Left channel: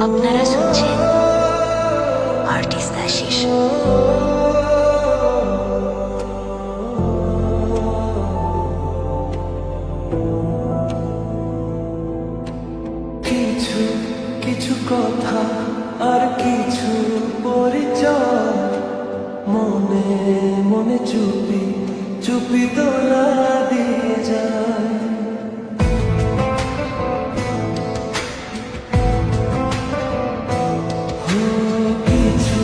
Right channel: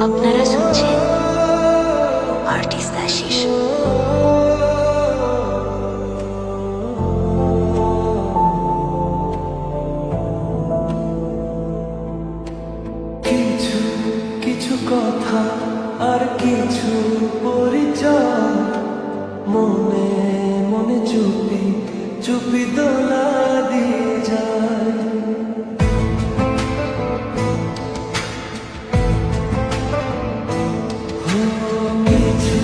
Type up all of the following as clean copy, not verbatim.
আপনারা শুনছেন আর্টিস্ট আশিস। কিছু কিছু কথা আর কিছু পরিচয় মনে মনে চুপি চুপি দোলা দিয়ে যায়। কিছু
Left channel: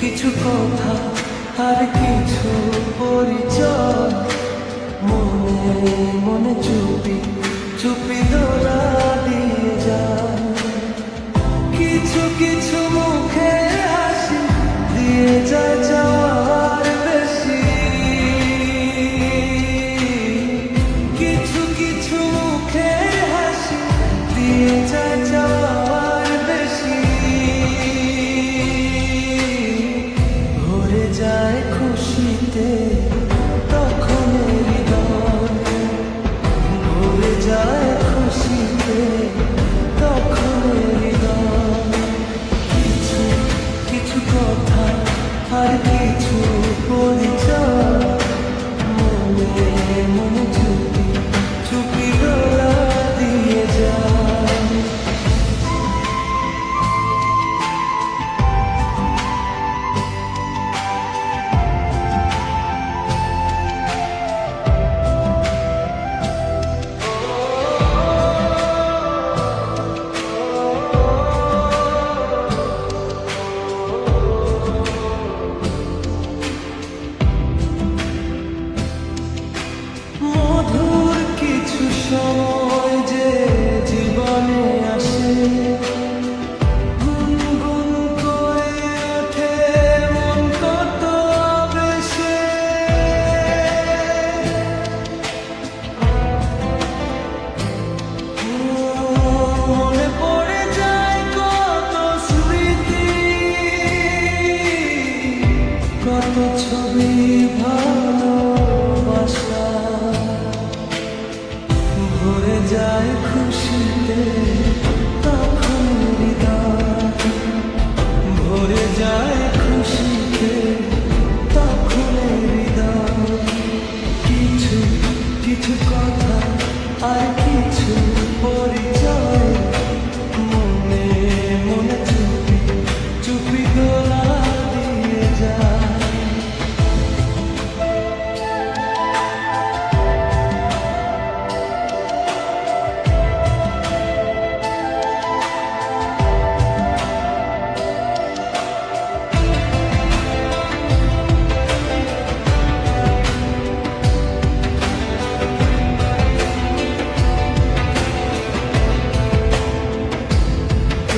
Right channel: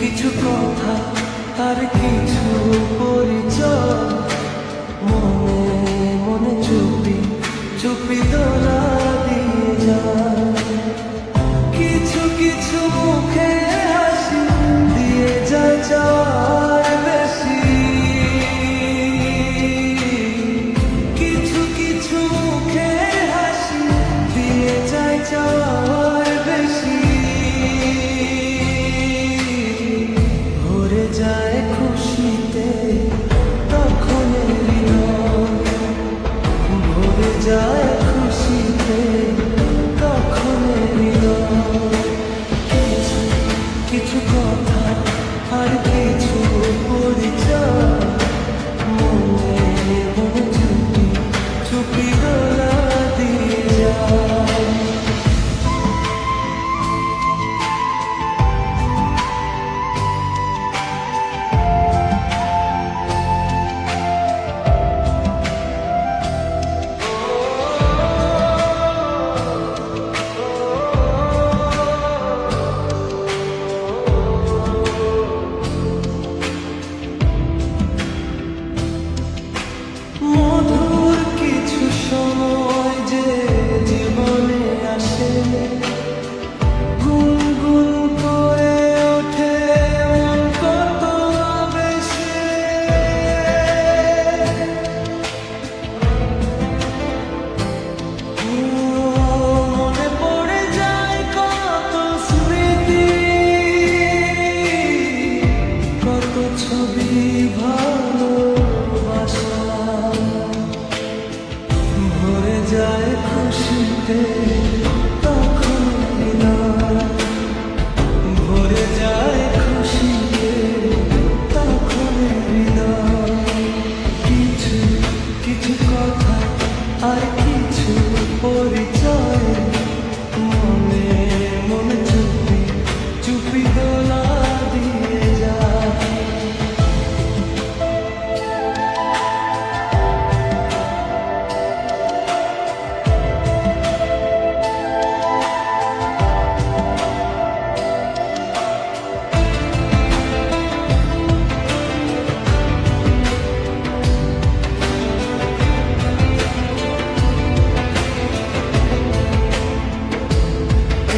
কিছু কথা আর কিছু পরিচয় মনে মনে চুপি চুপি দোলা দিয়ে যায়। কিছু কিছু মুখে হাসি দিয়ে যায় যাওয়ার বেশি, কিছু কিছু মুখে হাসি দিয়ে যায় যাওয়ার বেশি। ভরে যায় খুশিতে তখন হৃদয়, ভরে যায় খুশিতে তখন হৃদয়। কিছু কিছু কথা আর কিছু পরিচয় মনে মনে চুপি চুপি দোলা দিয়ে যায়। মধুর কিছু সময় যে জীবনে আসে, গুনগুন করে ওঠে মন কত আবেশে। মনে পড়ে যায় কত স্মৃতি, কত ছবি ভালোবাসা। ভরে যায় খুশিতে তখন হৃদয়, ভরে যায় খুশিতে তখন হৃদয়। কিছু কিছু কথা আর কিছু পরিচয় মনে মনে চুপি চুপি দোলা দিয়ে যায়।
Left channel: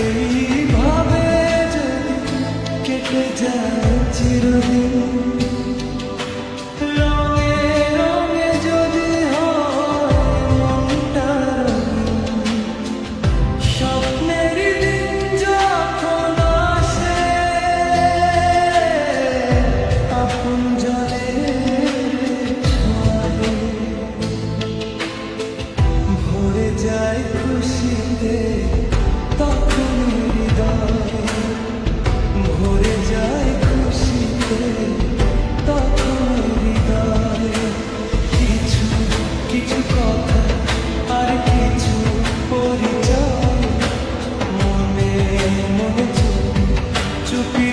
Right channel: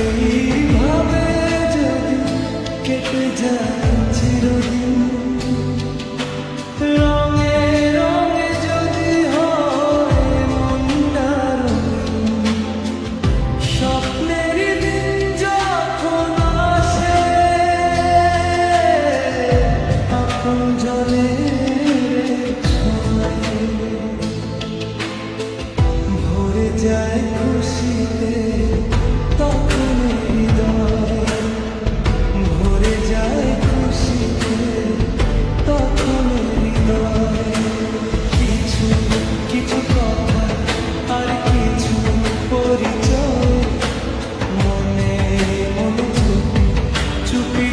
এইভাবে যদি কেটে যায় চিরদিন, রঙে রঙে যদি হয় মনটা রঙিন, স্বপ্নের দিন যখন আসে আপন জনের ছয়ে। ভরে যায় খুশিতে তখন হৃদয়, ভরে যায় খুশিতে তখন হৃদয়। কিছু কিছু কথা আর কিছু পরিচয় মনে মনে চুপি চুপি